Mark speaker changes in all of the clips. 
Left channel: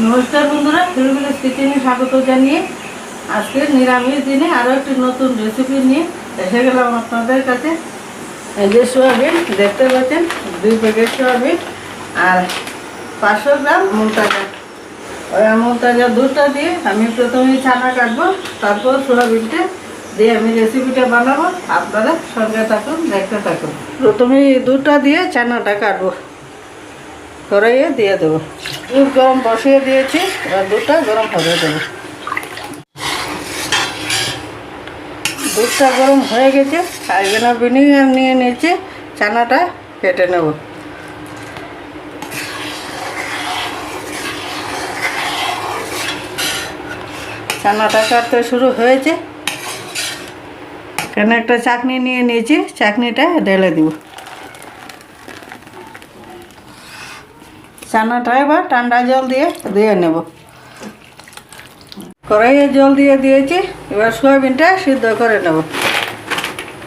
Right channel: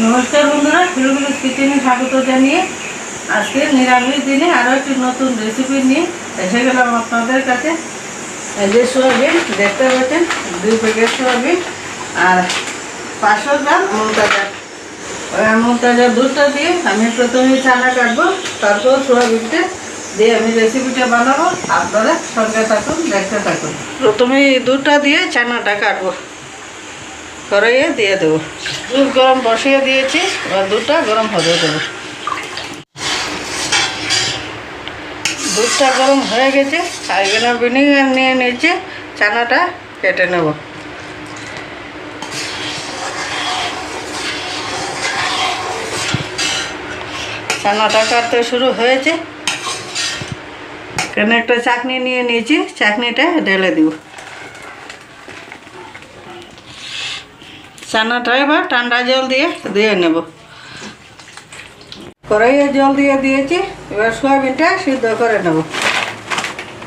Speaker 1: নমস্কার বন্ধুরা ফিরগুলিস কিচেনে স্বাগত জানিয়ে আজকে নিরামিষ দিনে আরও একটি নতুন রেসিপি নিয়ে এসে গেলাম আপনাদের কাছে। যে সোয়াবিন, দেখতে পাচ্ছেন, দুই প্যাকেট সোয়াবিন আর পাঁচশো গ্রাম মুলতাজা ওই মুলতাজা দুধটা দিয়ে আমি প্রথমে ছানা কাটবো, তারপর সোয়াবিনটা দিয়ে আমি রেসিপিটা বানাবো। আপনারা সঙ্গে থাকুন, দেখতে থাকুন। প্রথমে দুধটা দিয়ে ছানাটা কাটবো। কড়াইয়ে দিয়ে দেবো। দুধ গরম বসিয়ে দিয়েছি, এবার দুধটা গরম হতে দেবো। দুধটা গরম হয়ে গেছে আর ভিনেগার নিয়ে নিয়েছি ছানাটা কেটে নেব। ছানাটা কাটতে শুরু হয়েছে। এখানে একটা চাটনি নিয়ে নিয়েছি চাটনিটা ঢেলে দিব। চানাটা এবার ঠান্ডা জল দিয়ে ধুয়ে নেব। কড়াইয়ে জল দিয়ে দিয়েছি, এবার সয়াবিনটা সিদ্ধ করে নেব।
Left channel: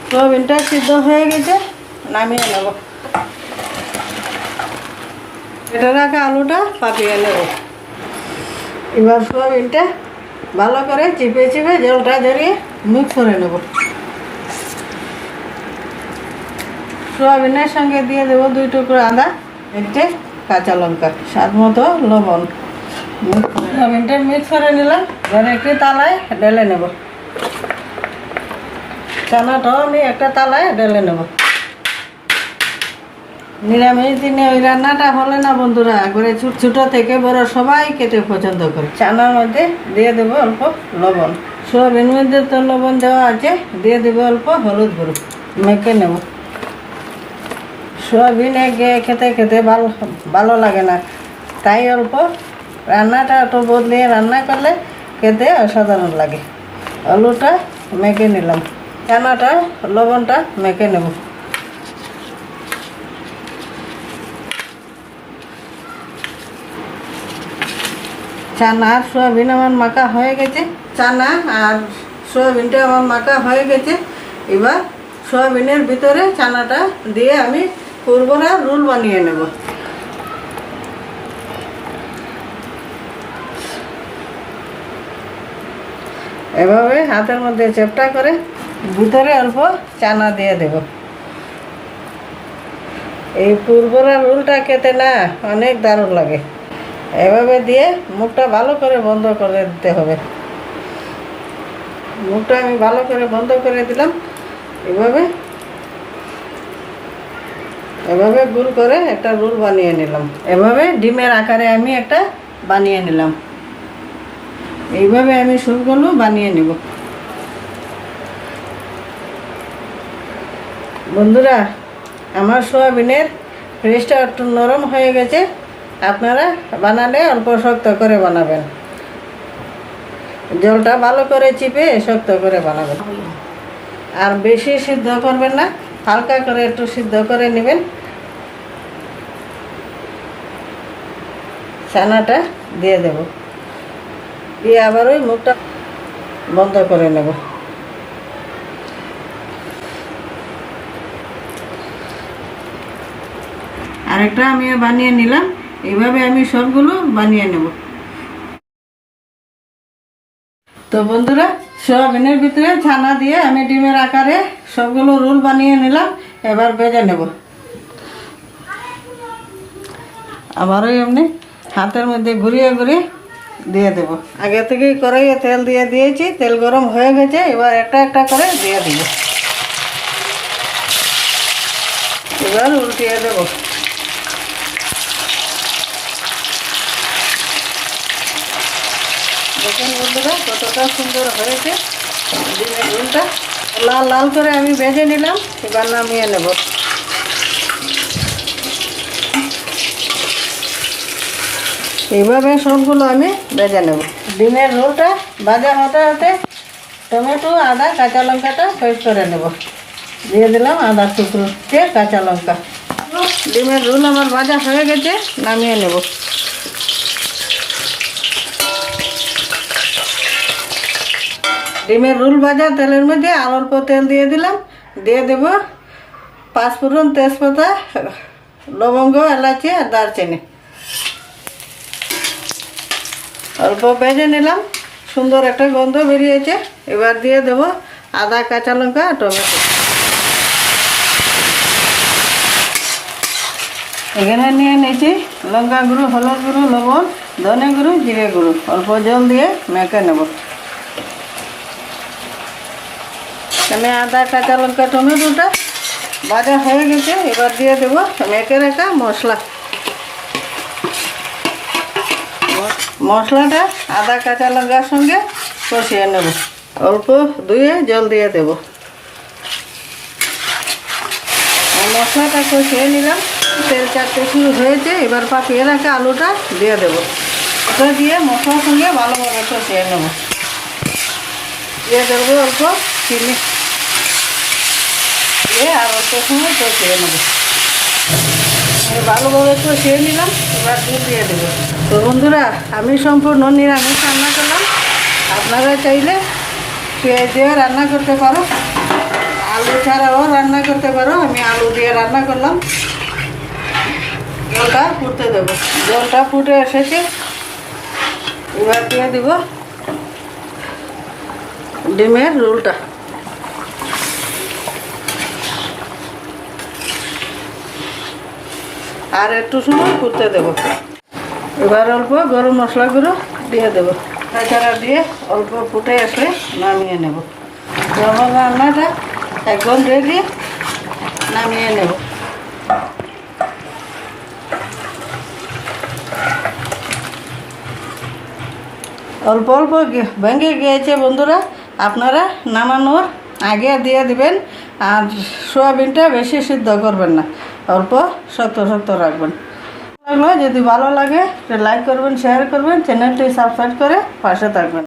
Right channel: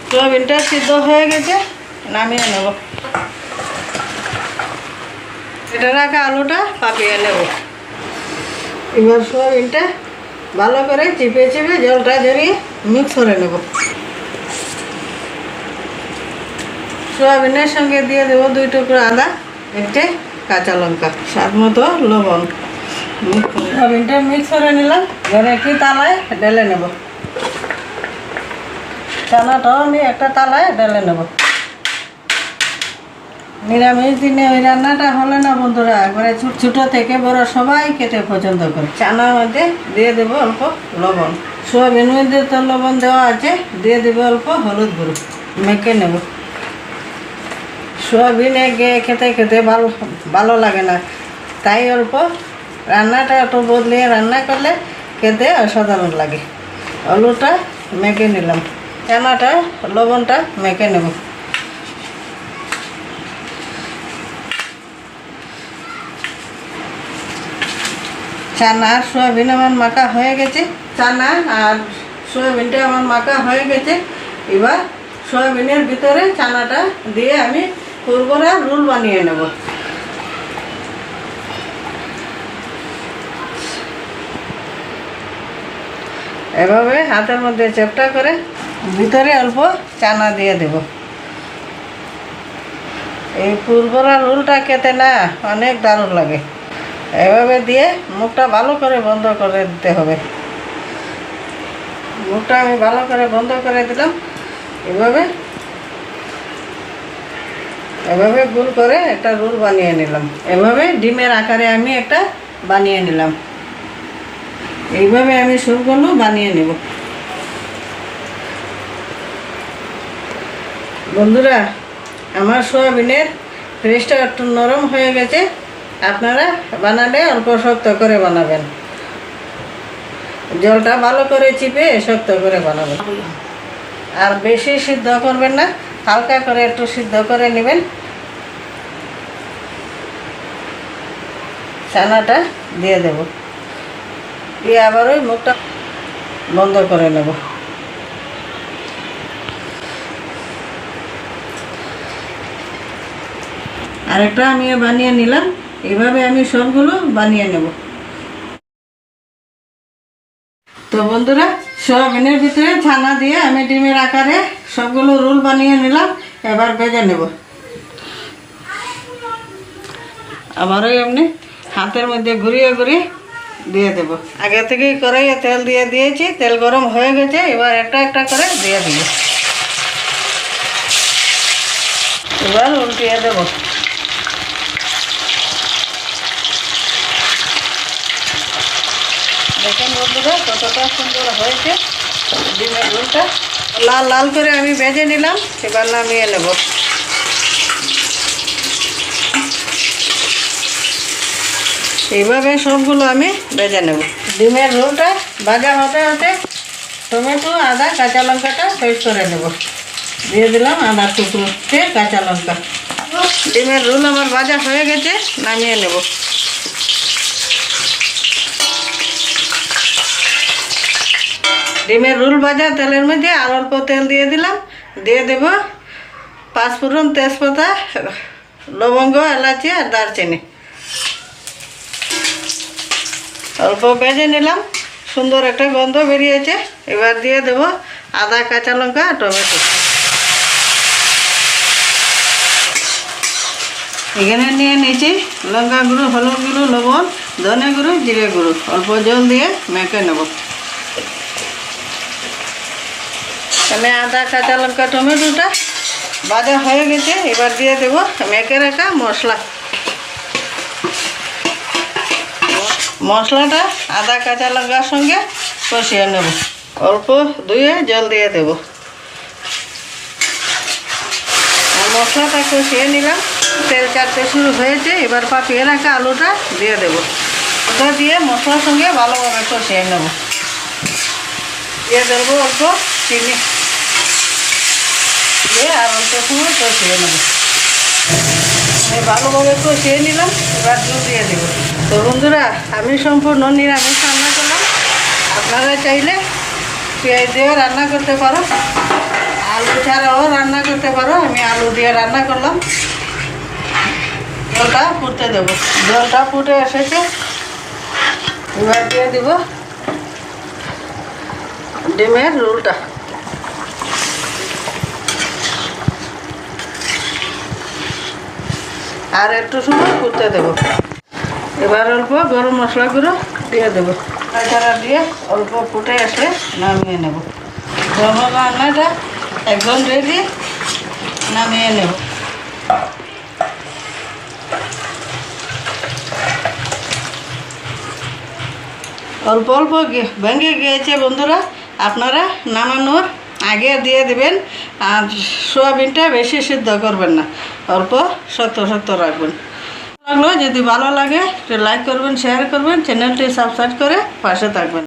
Speaker 1: সয়াবিনটা সিদ্ধ হয়ে গেছে, নামিয়ে নেব। এটা রাখা আলুটা পাকিয়ে নেব। এবার সয়াবিনটা ভালো করে চিপে চিপে জলটা ধরিয়ে মিক্স করে নেব। সয়াবিনের সঙ্গে দিয়ে দেবো দুই টুকরো আদা, একটে কাঁচা লঙ্কা, স্বাদ মতো লবণ। সয়াবিনটা মিক্স করে নিলাম, এবার একটি তালায় ঢেলে নেব। চানাটাও আমি একটা তালায় ঢেলে নেব। নিরামিষ দিনে ওই রান্নাটা হলে না বন্ধুরা, একবারে ছোট ছোটো থেকে বড় সবাই কেটে পছন্দ করে। চানার মধ্যে দিয়ে দেবো অল্প লবণ। সোয়াবিন মধ্যে তো লবণ দেওয়া আছে, দিয়ে দেবো অল্প হলুদ গুঁড়ো। মেখে নেব। সোয়াবিন এগে খেতে খেতে ভালো ভালো লাগে না। তাই অল্প রান্নাটা একটু বদলিয়ে রান্না করলে খেতে অসাধারণ লাগে। আলুটা মেখে নিলাম। চানাটা লবণটা মেখে নেব। চানা আর সোয়াবিন আমার মাখা হয়ে গেছে। চানা আর সোয়াবিনটা আমার মাখা হয়ে গেছে। এবার সোয়াবিনের ভিতরে চানাটা দিয়ে আমি কুরবরা রোল বানিয়ে নেব। এভাবে হাতের মধ্যে চেপটা করে ভিতরে অল্প চানা দিয়ে দেব। এই পুরবরা রোলটা খেতে না অনেক দারুণ লাগে। এভাবে দিয়ে মুখটা ভালো করে বন্ধ করে দিতে হবে। মুখটা আমি ভালো করে বন্ধ করে দিলাম। এভাবে এভাবে গুল করে একটা রোল বানিয়ে নিলাম। এভাবে ডিমের আকারে আমি একটা বানিয়ে নিলাম। এইভাবে আমি সুরগুলো বানিয়ে নেব। বন্ধুরা, আমার সোয়াবিনের ফ্রেশটা একটু নরম হয়ে গেছে। আপনারা বানালে অল্প শক্ত করে বানাবেন। জলটা ভালো করে চিপে শক্ত করে বানাবেন। আর বেশি সিদ্ধ করবেন না। হালকা করে একটু সিদ্ধ করে নেবেন। ছানাটা দিয়ে দেব। দিয়ে আবার ওই মুখটা বন্ধ করে নেব। আরেকটা আমি বানিয়ে নিলাম। এভাবে আমি সবগুলো বানিয়ে নেব। তো বন্ধুরা, সোয়াবিনের ভিতরে ছানা দিয়ে আমি ডিমের আকারে সবগুলো রোল বানিয়ে নিলাম, এবার বেজে নেব। আবারও এমনি হাতের মধ্যে ঘুরিয়ে ঘুরিয়ে দিয়ে দেব। আগে থেকেই কড়াইয়ে তেল দিয়ে দিয়েছি, তেল গরম হয়ে গেছে, এবার একটা একটা করে দিয়ে দিব। এবার উল্টিয়ে দেবো। দেখুন বন্ধুরা কতটা সুন্দর হয়েছে। ডিমের ঝোলটা। লাল লাল করে আমি ভেজে নিলাম এবার নামিয়ে নেব। এইভাবে সবগুলো আমি ভেজে নেব। ডিমের রোলটা ভাজা হতে হতে টমেটো আদা কাঁচা লঙ্কাটা পেস্ট করে নেব। দিয়ে দিলাম আদা টুকরো দিয়ে কাঁচা লঙ্কা। ডিমের রোল আমার ভাজা হয়ে গেছে নামিয়ে নেব। ডিমের রোল ভাজা, তেলের মধ্যে আর অল্প তেল দিয়ে দিলাম। দিয়ে দেব পাঁচফোড়ন তেজপাতা, লবঙ্গ, এলাচি আর দারচিনি। অল্প ভেজে নিলাম। সুন্দর একটা গন্ধ বেরিয়েছে। এবার দিয়ে দেব আদা, কাঁচা লঙ্কা আর টমেটো। এখানে নিয়ে নিয়েছি লঙ্কা গুঁড়ো, হলুদ গুঁড়ো, লবণ, ধনে গুঁড়ো, জিরে গুঁড়ো। অল্প জল দিয়ে মেখে নেব। এখানে আদা, কাঁচা লঙ্কা, টমেটোটা ভাজা হয়ে গেছে, এবার দিয়ে দেবো মেখে রাখা মশলা। মশলাটা আদা, কাঁচা লঙ্কার সঙ্গে কষিয়ে নেব। অল্প ধুয়ে জল দিয়ে দেব। মশলাটা কষিয়ে নিলাম। তেল চারটে শুরু হয়েছে, এবার পাপিয়ে রাখা আলুটা দিয়ে দেবো। ওটা দিয়ে মশলার সঙ্গে ভালোভাবে কষিয়ে নেব। দিয়ে দেবো অল্প চিনি। দিয়ে আর অল্প নিলাম, এবার দুধ দিয়ে দেবো। তো বন্ধুরা, আমি সম্পূর্ণ নিরামিষ রান্না করলাম। আপনারা চাইলে পেঁয়াজ দিয়ে রান্না করতে পারো, আলু ছাড়াও রান্না করতে পারো। আমি আলু দিয়ে রান্না করলাম। জলটা ফুটতে দেবো। জলটা ফুটে এসেছে। এবার দিয়ে দিব ডিমের রোলটা। আর একটু সময় ফুটতে দেবো। এবার অল্প গরম মশলা গুঁড়ো দিয়ে দেবো। তাছাড়া দিয়ে অল্প ফুটে আসলে নামিয়ে নেব। গরম রান্নাটা একদম রেডি নামিয়ে নেব। অল্প অল্প ভেঙে গিয়েছে বন্ধুরা, আপনারা নামানোর আগে দিয়ে দিবেন, আর সোয়াবিনটা বেশি সিদ্ধ করবেন না, অল্প শক্ত শক্ত রাখবেন। লাগল, যদি ভালো লাগে লাইক করবেন শেয়ার করবেন চ্যানেলটি সাবস্ক্রাইব করে পাশে থাকবেন।